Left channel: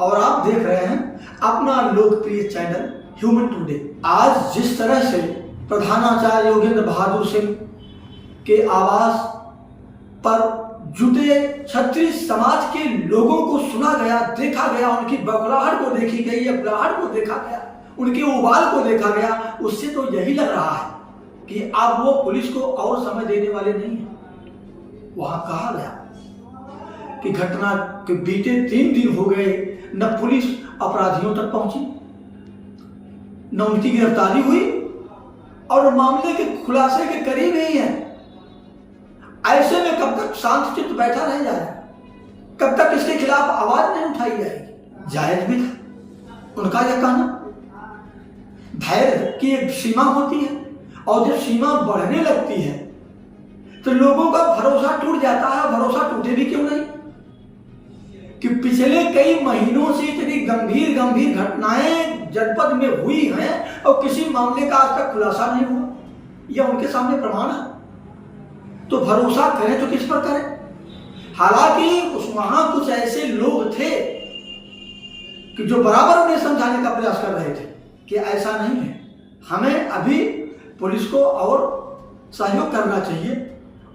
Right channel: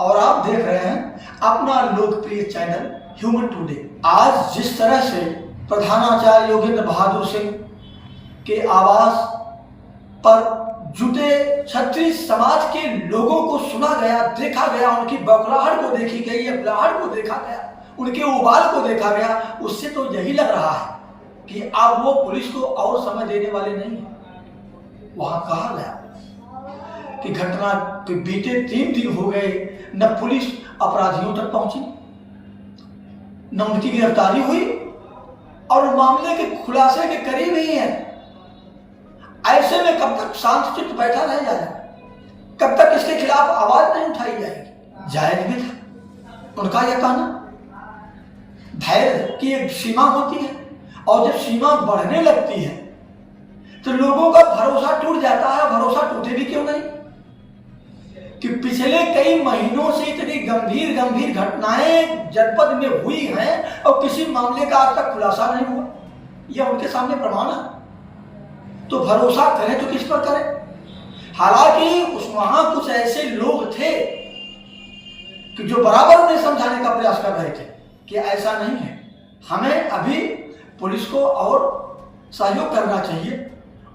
और आप देख रहे हैं अपना लोकप्रिय चैनल ह्यूमन टुडे। आज जिस तरह से प्रधानाचार्य योगेंद्र बहादुर सिंह के आवास पर जुटे क्षत्रिय समाज के लोगों को सुना गया, देखा गया, उनकी बौखलाहट को देखी गई, अबलाहट को देखा गया, उनके उबाल को देखा गया, उससे तो यही लग रहा है कि अब वो पुलिस को और समय देने वाले नहीं है। वहां कहा गया कि घटना के बीते 3 दिन हो गए, न पुलिस अपराधियों तक पहुंची, न उनकी गिरफ्तारी हुई और मामले के खुलासे के करीब ही है। ऐसे में कब तक शांत चित्त बैठा रह जाएगा? कब तक इसके खिलाफ आवाज नहीं उठाई जाएगी? जायज भी था उनका यह कहना। धैर्य की एक सीमा होती है और जब सीमा बढ़ने लगती है तो लोगों का भरोसा टूट जाता है। भरोसा टूटे भी क्यों नहीं कि पिछले कई महीनों से इतनी गंभीर घटनाएं जनपद में हुई हैं और किसी मामले का आज तक खुलासा नहीं हुआ। यह उनके सामने प्रमाण है। तो भरोसा करें तो किस पर करें? हालांकि वहां कुछ ऐसे लोग थे कि जो बराबर उन्हें समझाने का प्रयास कर रहे थे कि ऐसा नहीं है, हमें अभी पुलिस को और सहयोग करना चाहिए,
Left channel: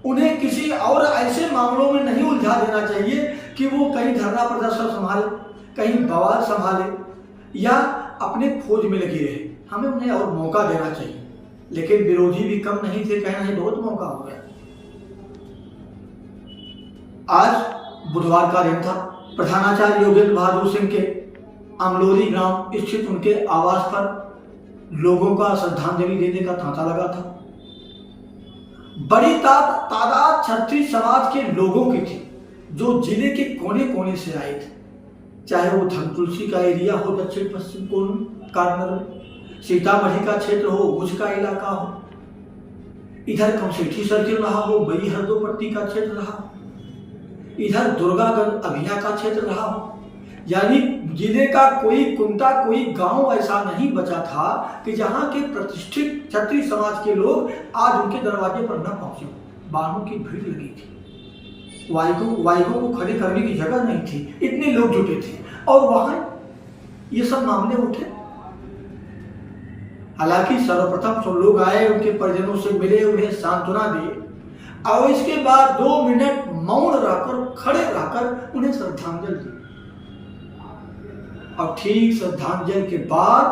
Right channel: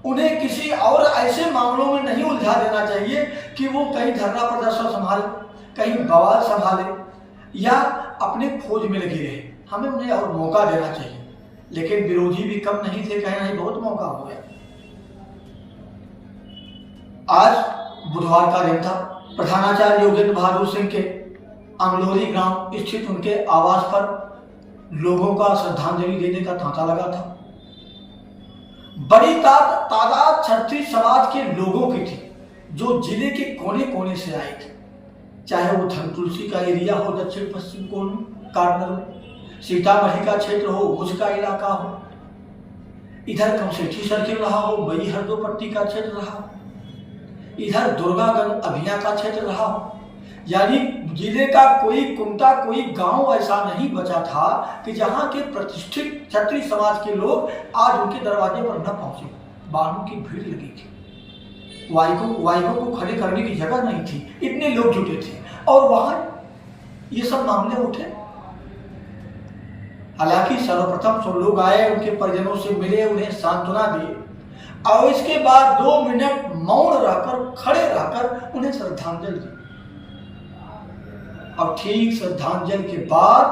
उन्हें किसी और ऐसे मामलों में नहीं उलझा देना चाहिए कि वो कहीं धरना प्रदर्शन संभाले, कहीं बवाल संभाले या अपने खोज में लगी रहे। हमें उन्हें और मौका देना चाहिए। लेकिन विरोधी भी कम नहीं थे, कहीं नहीं बहुत मौका हो गया। आज बुधवार का दिन था। प्रधानाचार्य योगेंद्र बहादुर सिंह के अमलोरी ग्राम स्थित उनके आवास पर लोगों का श्रद्धांजलि देने का तांता लगा था। बड़ी तादाद क्षत्रिय समाज के लोगों की थी जो जिले के कोने कोने से आए थे, चाहे वो धनतुलसी का एरिया हो, दक्षिण पश्चिम कॉर्नर में, सीतामढ़ी का क्षेत्र हो, भुज का इलाका हो, इधर कमसेठी सर्किल रहा हो, बई हरदोपट्टी का क्षेत्र रहा हो, इधर दुर्गागंज अभिया का क्षेत्र रहा हो। यानी जिले का कोई कुंटा, कोई गांव ऐसा नहीं बचा था कि जहां के प्रतिष्ठित क्षत्रिय समाज के लोग आज उनके दरवाजे पर न पहुंचे। वाहनों की भीड़ लगी थी, वाइगों को खड़े करने की जगह नहीं थी, इतने लोग जुटे थे और वहां ये सब मामले उठे। हालांकि सर्वप्रथम सब लोग आए, उनके परिजनों से मिले, उन्हें सांत्वना दी और इसके बाद 2 मिनट मौन रहकर, खड़े रहकर उन्हें श्रद्धांजलि दी। और ठीक श्रद्धांजलि के बाद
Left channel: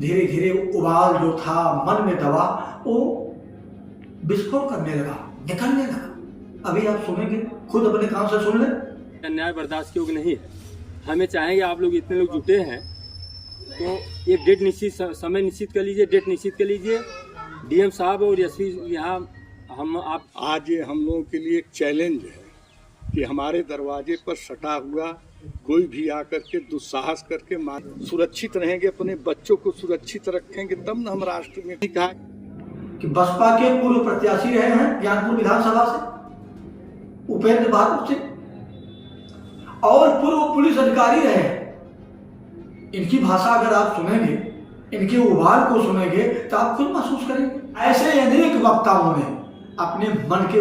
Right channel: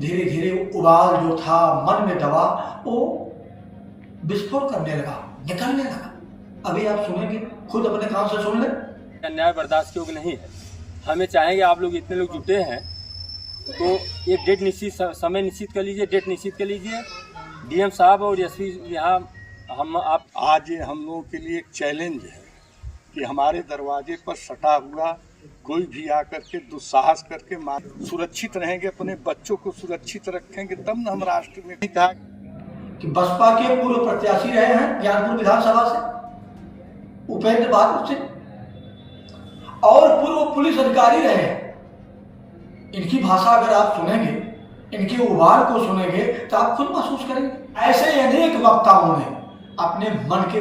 धीरे धीरे उबाल जो था मन में दबा, वो विस्फोट करने लगा, निकलने लगा। अभी आप सुनेंगे, खुद अपने कान से सुन लें। अन्याय बर्दाश्त के योग्य नहीं है। हमें चाहेंगे आप लोग इतने लोग जुटे हैं तो एक डेट निश्चित, समय निश्चित कर लीजिए, डेट निश्चित कर लीजिए। डीएम साहब और एसपी यहाँ आज हम लोगों के लिए एक चैलेंज है कि हमारे दरवाजे पर सटा हुआ कोई भी आकर के दुस्साहस करके सुरक्षित रहेंगे, अपने बच्चों को सुरक्षित रखेंगे, तब न हम राष्ट्र में। कहा कि बसपा के पूर्व प्रत्याशी रहे हैं ज्ञानपुर विधानसभा से उपेंद्र बहादुर सिंह और पूर्व पुलिस अधिकारी रहे हैं। इनकी भाषा अगर आप सुनेंगे, इनके उबाल को सुनेंगे तो आप खुद महसूस करेंगे। ऐसे अनेक वक्ताओं ने अपने मन के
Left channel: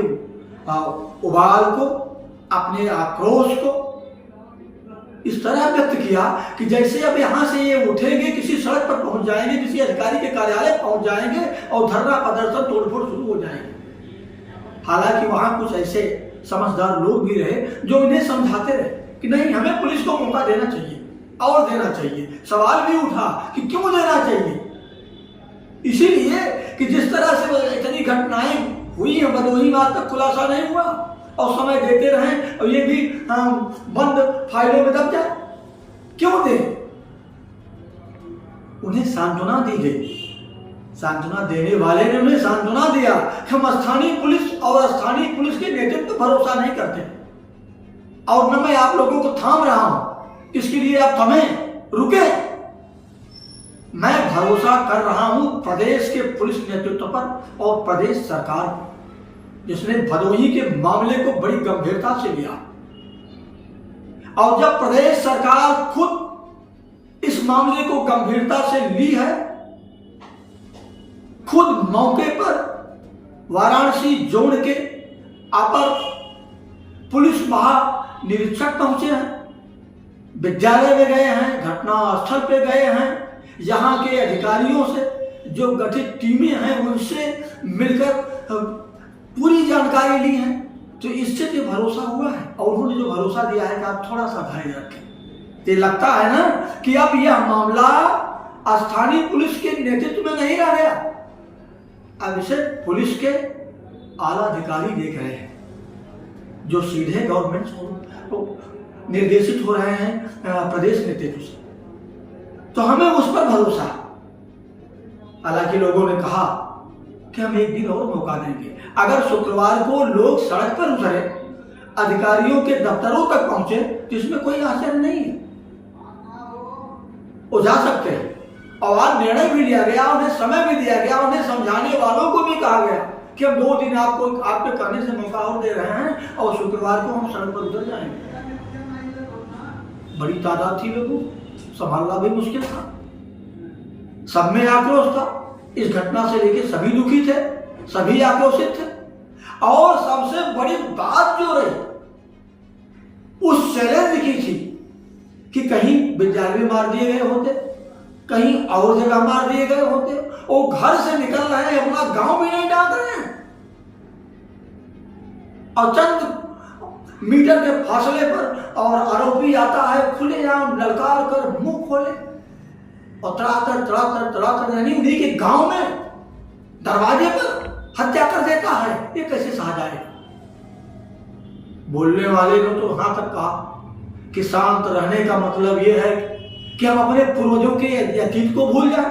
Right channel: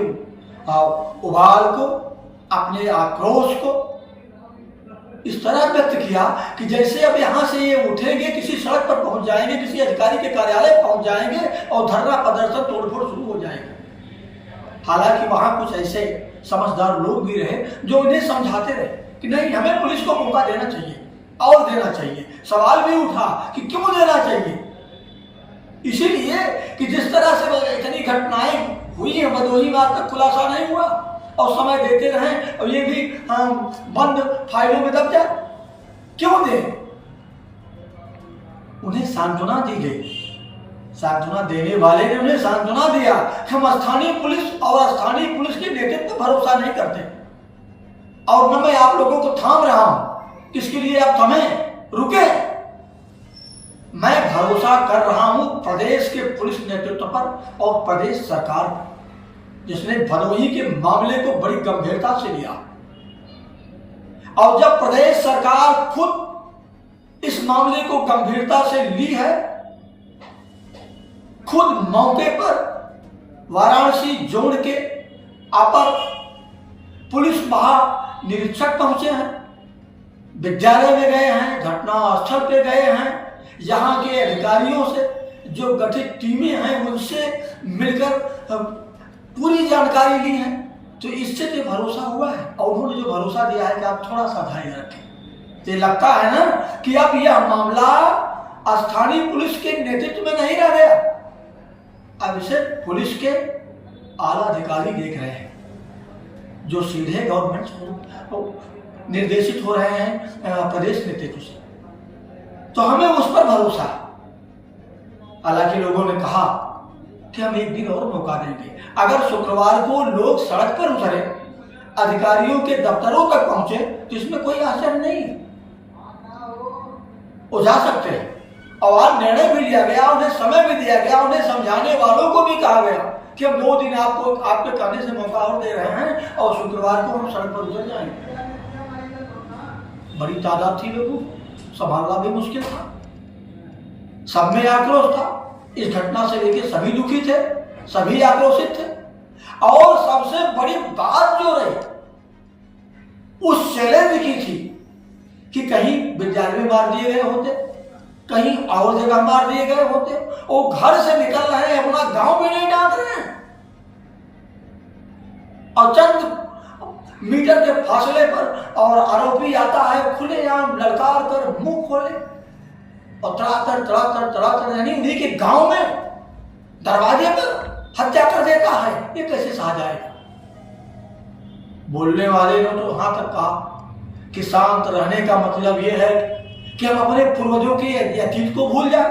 उबाल को, अपने आक्रोश को इस तरह व्यक्त किया कि जैसे अब यहाँ से ये उठेंगे, किसी सड़क पर पहुंच जाएंगे, किसी अधिकारी के कार्यालय पहुंच जाएंगे और धरना प्रदर्शन, तोड़फोड़ शुरू हो जाएगी। हालांकि वहां कुछ ऐसे समझदार लोग भी रहे जो इन्हें समझाते रहे कि नहीं, हमें पुलिस को मौका देना चाहिए और देना चाहिए। सवाल भी उठा कि क्यों देना चाहिए, इसीलिए कि जिस तरह से इतनी घटनाएं हुई हैं भदोही में, आज तक खुलासा नहीं हुआ और समय देते रहें और ये भी बंद फाइलों में दब जाए। क्यों दे? उन्हें सांत्वना दी गई। सांत्वना देने वाले ने उन्हें सांत्वना दिया। हम स्थानीय पुलिस और स्थानीय पुलिस के नेतृत्व पर भरोसा नहीं करते और न मैं आप लोगों को थाम रहा हूं, किसके लिए आप थमें, रुके। मैं भरोसा कर रहा हूं प्रदेश के पुलिस नेतृत्व पर और प्रदेश सरकार पर, जिसने भदोही के मामले को बड़ी गंभीरता से लिया। और जब प्रदेश सरकार खुद इस मामले को गंभीरता से ली है, खुद मौके पर वाराणसी जोन के अपर पुलिस महानिरीक्षक पहुंचे हैं विद्यालय में गए हैं, घटना स्थल पे गए हैं, यहाँ के अधिकारियों से जो गठित टीमें हैं उनसे मिलकर पूरी जानकारी ली है। तो इससे तो भरोसा हुआ है और उन्होंने जो भरोसा दिया है कि आप थोड़ा सा धैर्य रखें। तो लगता है ना कि अब यह मामला स्थानीय पुलिस के नेतृत्व में नहीं रह गया, अब इसे पुलिस के आला अधिकारी देख रहे हैं जो सीधे गवर्नमेंट निर्देशित हो रहे हैं प्रदेश नेतृत्व से। तो हमें उस पर भरोसा है। हालांकि लोगों ने कहा कि हम एक दिन और मौका देंगे। अगर शुक्रवार को लोग सड़क पर उतरे, अधिकारियों के दफ्तरों तक पहुंचे, तो इसमें कोई आश्चर्य नहीं है, वो जा सकते हैं। और आज निर्णय भी लिया गया, उन्हें समय भी दिया गया, उन्हें समझाने वालों को भी कहा गया कि हम 2 दिन आपको आपके कहने से मौका और दे रहे हैं और शुक्रवार को हम सड़क पर उतर जाएंगे। बड़ी तादाद थी, लोगों को संभालना भी मुश्किल था, सब में आक्रोश था। इस घटना से लेकर सभी दुखी थे, सभी आक्रोशित थे। और सबसे बड़ी बात जो रही उस चैलेंज की थी कि कहीं विद्यालय में मार दिए गए होते, कहीं और जगह मार दिए गए होते, वो घर से निकल रहे हैं, अपना गांव भी नहीं डांट रहे हैं, और चंद मीटर के फासले पर और आरोपी आता है खुलेआम ललकार कर मुंह खोले और तड़ातड़ यानी उन्हीं के गांव में दरवाजे पर हत्या कर देता है। ये कैसे सहा जाएगा? बोलने वाले ने तो यहां तक कहा कि शांत रहने का मतलब ये है कि हम अपने पूर्वजों के अतीत को भूल जाए,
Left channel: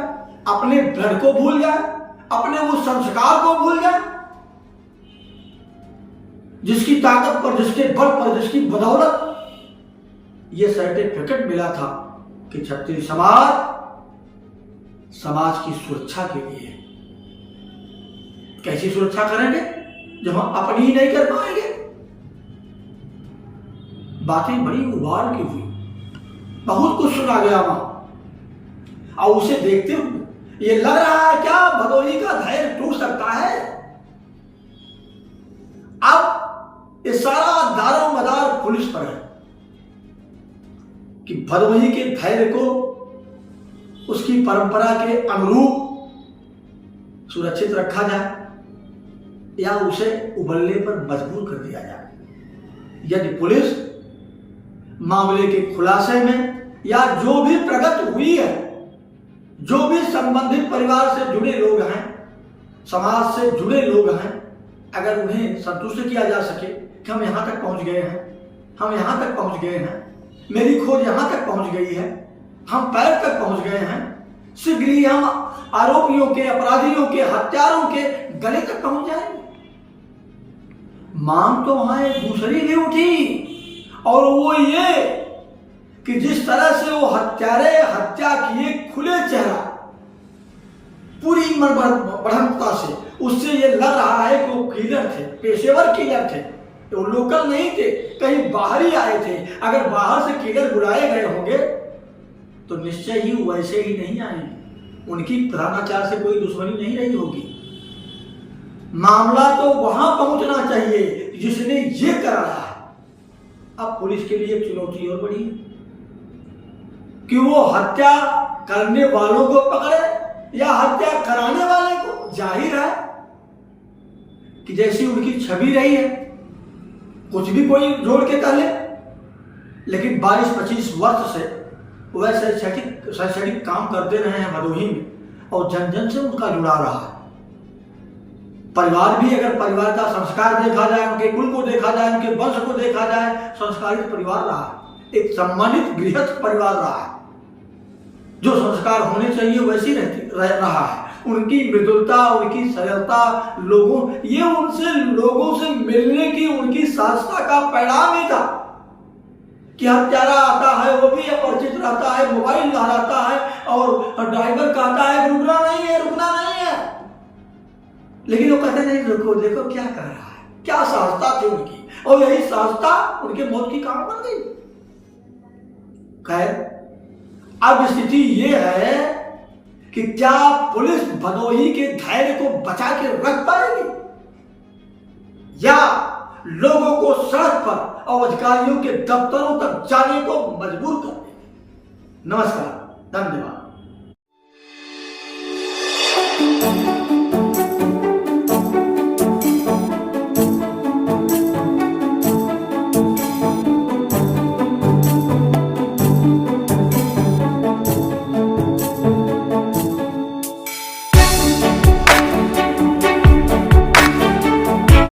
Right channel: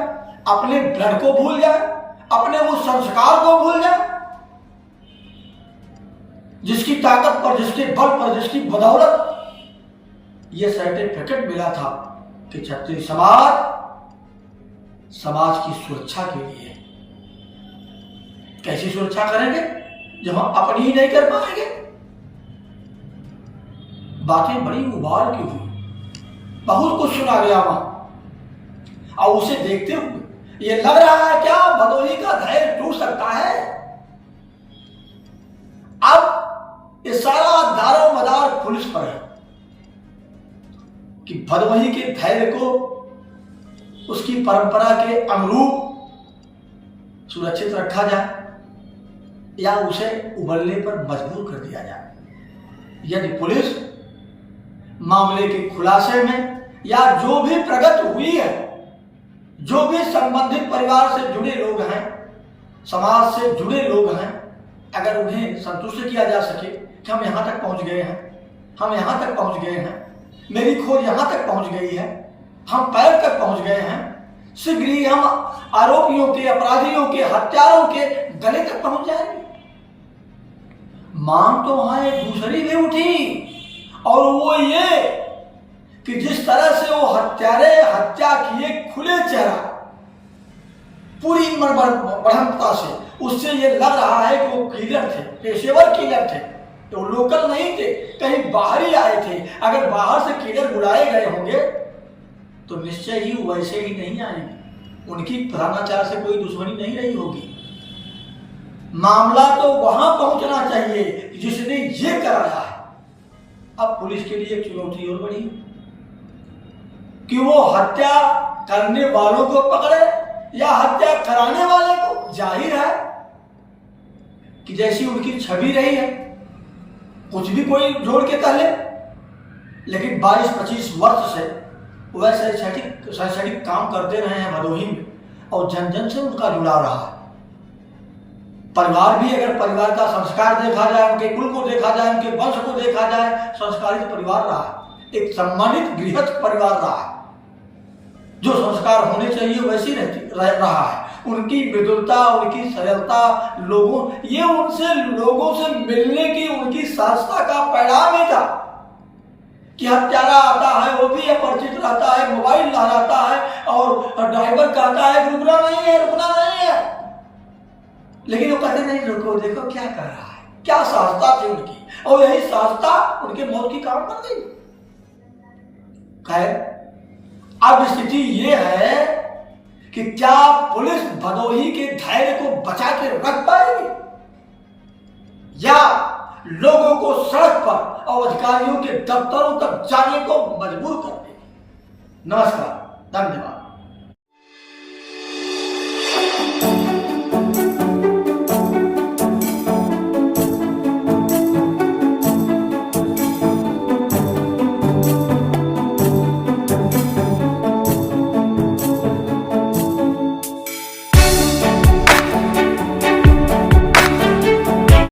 अपने ब्लड को भूल जाए, अपने उस संस्कार को भूल जाए जिसकी ताकत पर, जिसके बल पर, जिसकी बदौलत ये सर्टिफिकेट मिला था कि क्षत्रिय समाज की सुरक्षा के लिए। कैसी सुरक्षा करेंगे जब हम अपनी ही नहीं कर पाएंगे? बातें बड़ी उबाल की हुई, बहुत कुछ सुना गया वहां, और उसे देखते हुए ये लग रहा है क्या भदोही का धैर्य टूट सकता है? अब ये सारा दारो मदार पुलिस पर है कि भदोही के धैर्य को उसकी परंपरा के अनुरूप सुरक्षित रखा जाए या उसे उबलने पर मजबूर कर दिया जाए। यदि पुलिस मामले के खुलासे में या जो भी प्रगति हुई है, जो भी संबंधित परिवार से जुड़े लोग हैं, समाज से जुड़े लोग हैं, अगर उन्हें संतुष्ट किया जा सके कि हम यहाँ तक पहुँच गए हैं, हम यहाँ तक पहुँच गए हैं, मेरी खोज यहाँ तक पहुँच गई है, हम पैर तक पहुँच गए हैं, शीघ्र ही हम आरोपियों के, अपराधियों के, हत्यारों के गले तक पहुँच जाएंगे। मांग तो वहाँ एक दूसरी भी उठी, और वो ये कि जिस तरह से वो हत्यारे हत्या किए खुले चेहरा, पूरी बढ़ंता से, उससे ये लग रहा है कि वो किलर थे, पेशेवर किलर थे, तो लोकल नहीं थे, कहीं बाहर ही आए थे। अगर बाहर से किलर बुलाए गए होंगे तो निश्चय ही वैसे ही नहीं आएंगे, उनकी प्रधानाचार्य से कोई दुश्मनी नहीं रही होगी। मामला तो वहां पहुंचना चाहिए जिसने ये कराया है। अब पुलिस के लिए एक चुनौती और बड़ी कि वो हत्या करने वालों को पकड़े या हत्या कराने वाले को। जाहिर है कि जैसी उनकी छवि रही है, कुछ भी कोई जोड़ के कह ले, लेकिन 22-25 वर्ष से वह शैक्षणिक काम करते रहे हैं भदोही में, और जन जन से उनका जुड़ा रहा है। परिवार भी, अगर परिवार का संस्कार देखा जाए, उनके कुल को देखा जाए, उनके वंश को देखा जाए, संस्कारित परिवार रहा है, एक सम्मानित गृहस्थ परिवार रहा है, जो संस्कार होने चाहिए वैसी रहा है। उनकी मृदुलता, उनकी सरलता, लोगों से मिलने की उनकी सहजता का परिणाम ही था कि हत्यारा आता है वो भी अपरिचित रहता है, मोबाइल लहराता है और ड्राइवर कहता है रुकना नहीं है, लेकिन वो कहते नहीं रुको, देखो क्या कर रहा है। क्या सहजता थी उनकी, और यही सहजता उनके मौत की कारण बन गई। खैर, अब स्थिति ये है कि क्या पुलिस भदोही के धैर्य को बचा के रख पाएगी या लोगों को सड़क पर और अधिकारियों के दफ्तरों तक जाने को मजबूर कर देगी। नमस्कार, धन्यवाद।